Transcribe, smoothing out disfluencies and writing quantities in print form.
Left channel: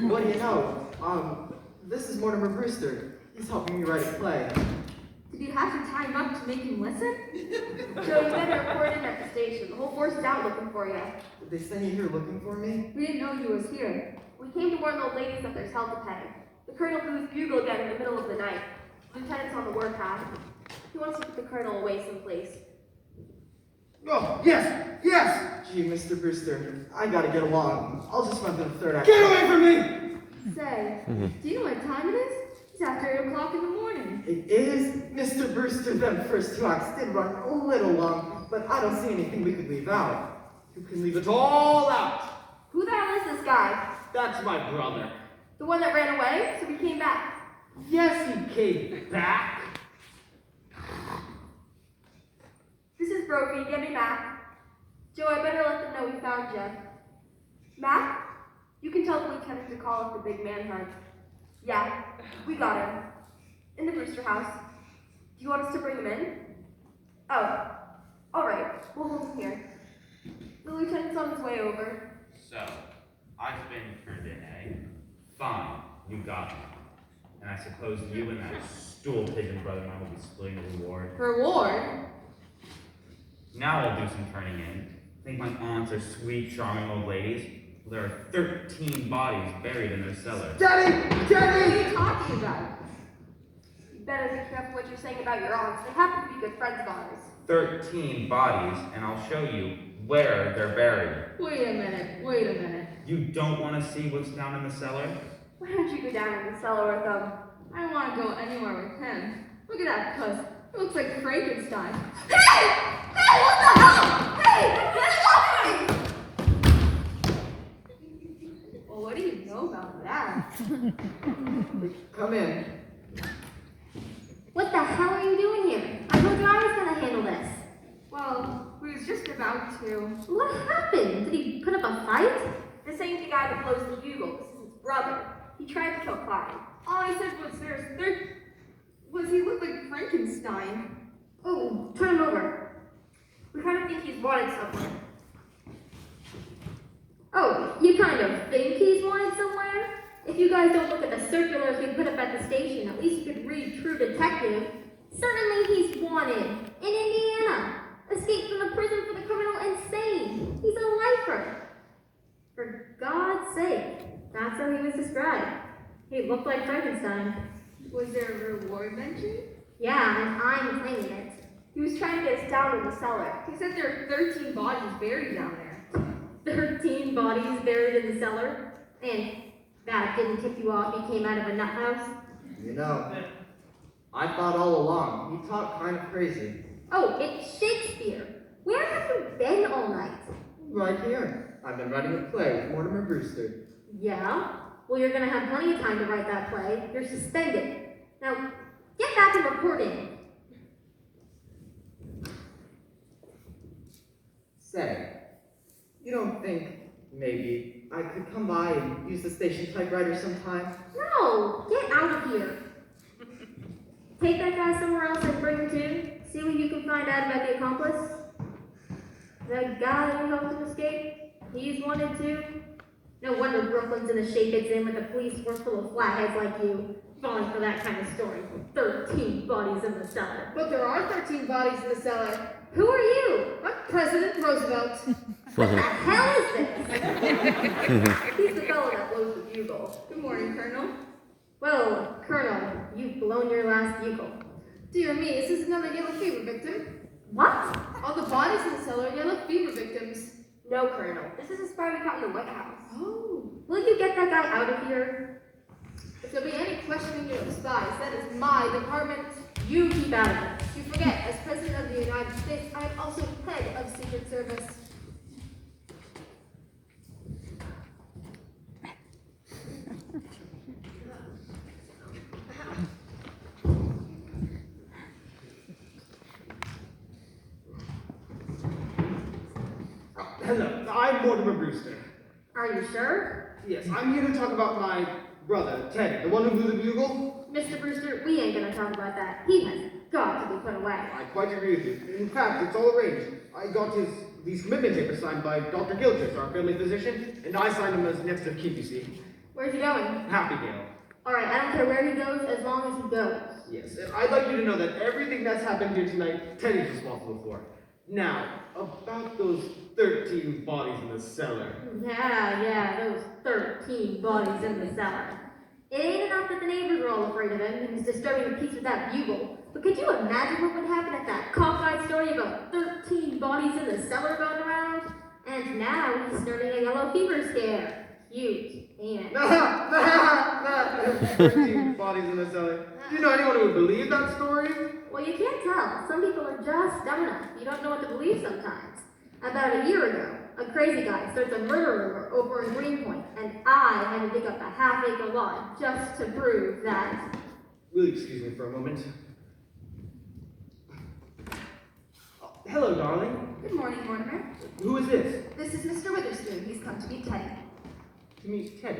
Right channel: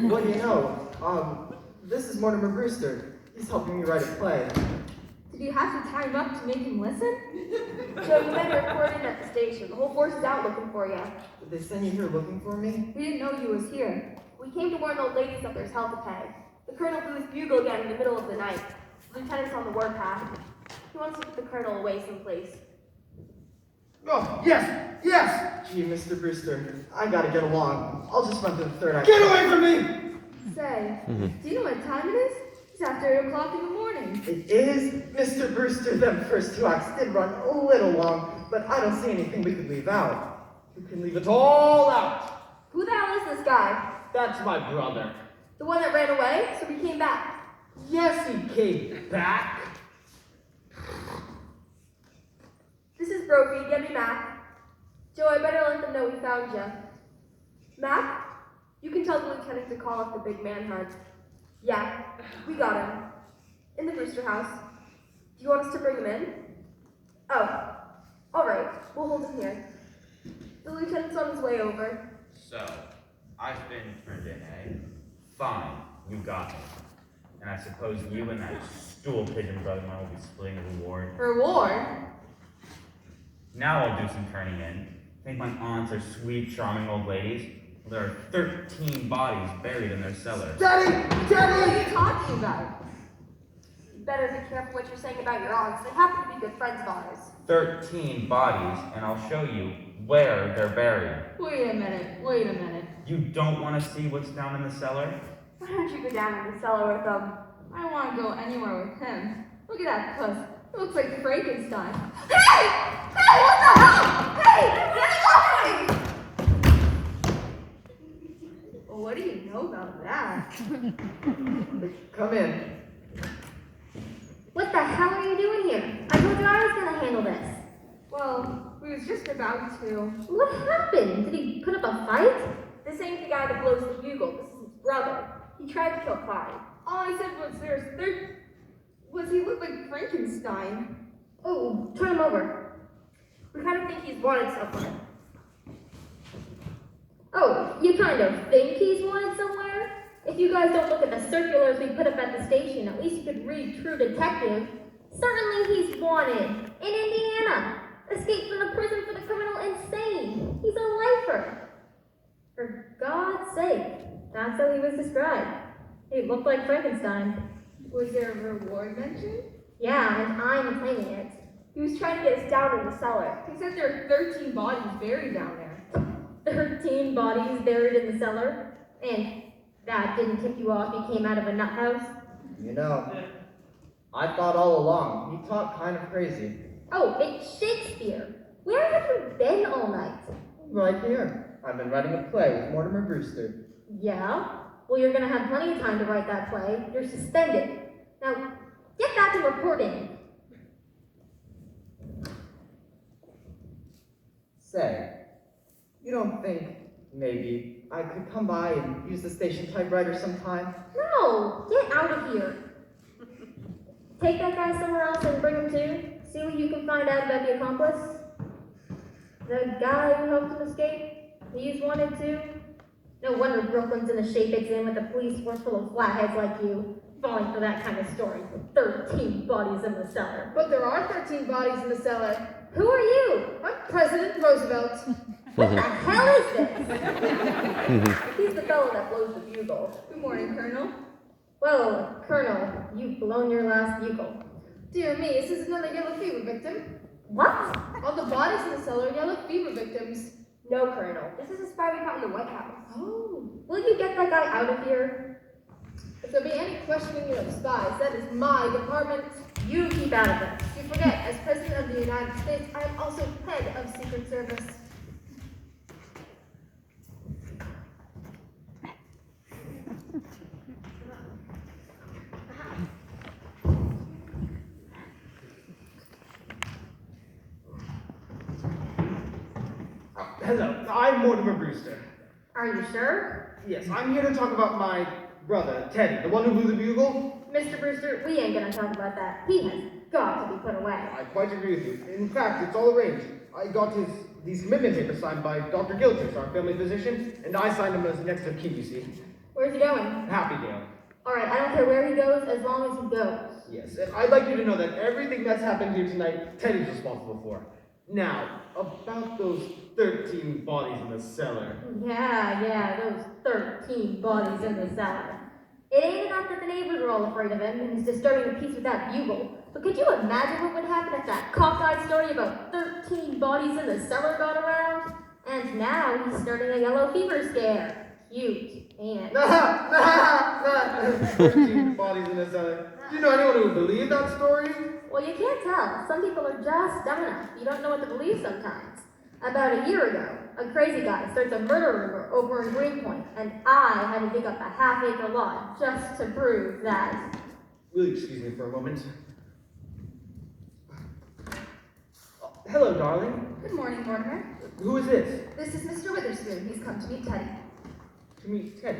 What do you know? This is Mortimer Brewster. He's helping me write a play. Did you have to tie him up to make him listen? Joe, you've been reported at the station. The whole force is out looking for you. Did they send you here looking for me? We didn't know you was here. We came to warn old ladies that there's hell to pay. The colonel blew his bugle again in the middle of the night. The lieutenant's on the warpath. He wants to put the colonel away someplace. Oh, yes! Yes! Gee, Mr. Brewster, I gotta get along. I'll just run through the third act. Get away from me! Say, do you know what time it is? It's after 8 o'clock in the morning. It is, Mr. Brewster. Them first two acts did run a little long, but I don't see anything we could leave out. You can leave it all out. Who the hell is this guy? That's my brother. The one that ran away, so he came back. Yes, he came back. This is Brophy. Get me Mac. Joe, I better let them know we found you. Mac, you can tell the lieutenant to call up the big manhunt. Yeah, we got him. In the Brewster house. Do you want us to bring him in? Oh, all right. We'll hold him here. The lieutenant's on his way over. So, I've been turned in, eh? Fine, you got me. And I suppose you and that stool pigeon brother and I will be splitting the reward. Reward? Now I'll do some turning in. Think my aunts are sweet, charming old ladies? Well, there are 13 bodies buried in their cellar. Daddy! What Daddy! are you talking about? You better be careful what you're saying about your aunts. They happen to be good friends of ours. 13 bodies, and I'll show you where they're buried. Wait a minute. You don't want to see what's down in the cellar? Why don't you go down in the cellar with them? I don't want to go anywhere with him. Look at that puss. It looks like Frankenstein. Hey! Hey, what the hell? Hey! Get off me! Well, what do you know about that? Come in. What the hell are you doing here? I told you I was going to handle this. Well, we was just about to. What happened? Did he put up a fight? This ain't the guy that blows the bugle. This is his brother. He tried to kill Clyde. All I said was he looked like Frankenstein. Oh, turn him over. We kind of think he's wanted somewhere. Oh, you kind of think he's wanted somewhere? If you guys don't look at the circulars we put up at the station, at least you could read True Detective. Certainly he's wanted. In Indiana. Escaped from the prison for the criminal insane. He's a lifer. For God's sake. That's how he was described. He looked like Frankenstein. Was there a reward mentioned? Yeah, and I'm claiming it. He was trying to get us down in the cellar. He said there are 13 bodies buried down there. 13 bodies buried in the cellar? And that didn't tip you off he came out of a nut house? You know, I thought all along he talked kind of crazy. Oh, it's Shakespeare. Where have you been all night? Right here. I've been writing a play with Mortimer Brewster. Yeah? Well, you're going to have plenty of time to write that play. You're suspended. Now, get back to reporting. Say, you don't think maybe I could come by and use the station typewriter sometime? No, get out of here. Take that guy somewhere else and bring him to. See what you can find out about the accomplice. The guy who helped him escape, he's wanted too. No wonder Brooklyn's in the shape it's in with a police force full of flatheads like you, falling for that kind of story. 13 bodies in the cellar. But there are 13 bodies in the cellar. Who are you? I'm President Roosevelt. What the hell is this? He's the fellow that blows the bugle. Good morning, Colonel. Well, Colonel, you've blown your last bugle. Dear me, is this another yellow fever victim? What? All the bodies in the cellar are yellow fever victims. No, Colonel. This is a spy we caught in the White House. Oh, will you get that guy out of here? If there'll be any questioning of spies, that is my department. You keep out of it. You forget, as President of the United States, I'm also head of Secret Service. Hello, I'm Mortimer Brewster. Are you sure? Yes, I'm here to talk about my brother, Teddy, the one who blew the bugle. Mr. Brewster, we ain't gonna talk about that. He has got to be put away. I quite agree with you. In fact, it's all arranged. I got these commitment papers signed by Dr. Gilchrist, our family physician, and I signed them as next of kin, you see. Where's he going? Happydale. Alright, I don't care where he goes as long as he goes. Yes, and I'd like you to know that everything that's happened here tonight, Teddy's responsible for. Now, about those 13 bodies in the cellar. Yeah, those 13 bodies in the cellar. It ain't enough that the neighbors are all afraid of him and he's disturbing the peace with that bugle. But could you imagine what would happen if that cockeyed story about 13 bodies in the cellar got around? And now he's starting a yellow fever scare. Cute, ain't it? 13 bodies in the cellar. Do you know anyone who would believe that story? Well, you can't tell. Some people are just dumb enough. You don't know what to believe sometimes. About a year ago, a crazy guy starts a murder over in Greenpoint, and I had to dig up a half-acre lot just to prove that. Will you excuse me for a moment? Hello, darling. Good morning, Mortimer. Who is this? This is Mr. Witherspoon. He's come to meet Teddy. To meet Teddy.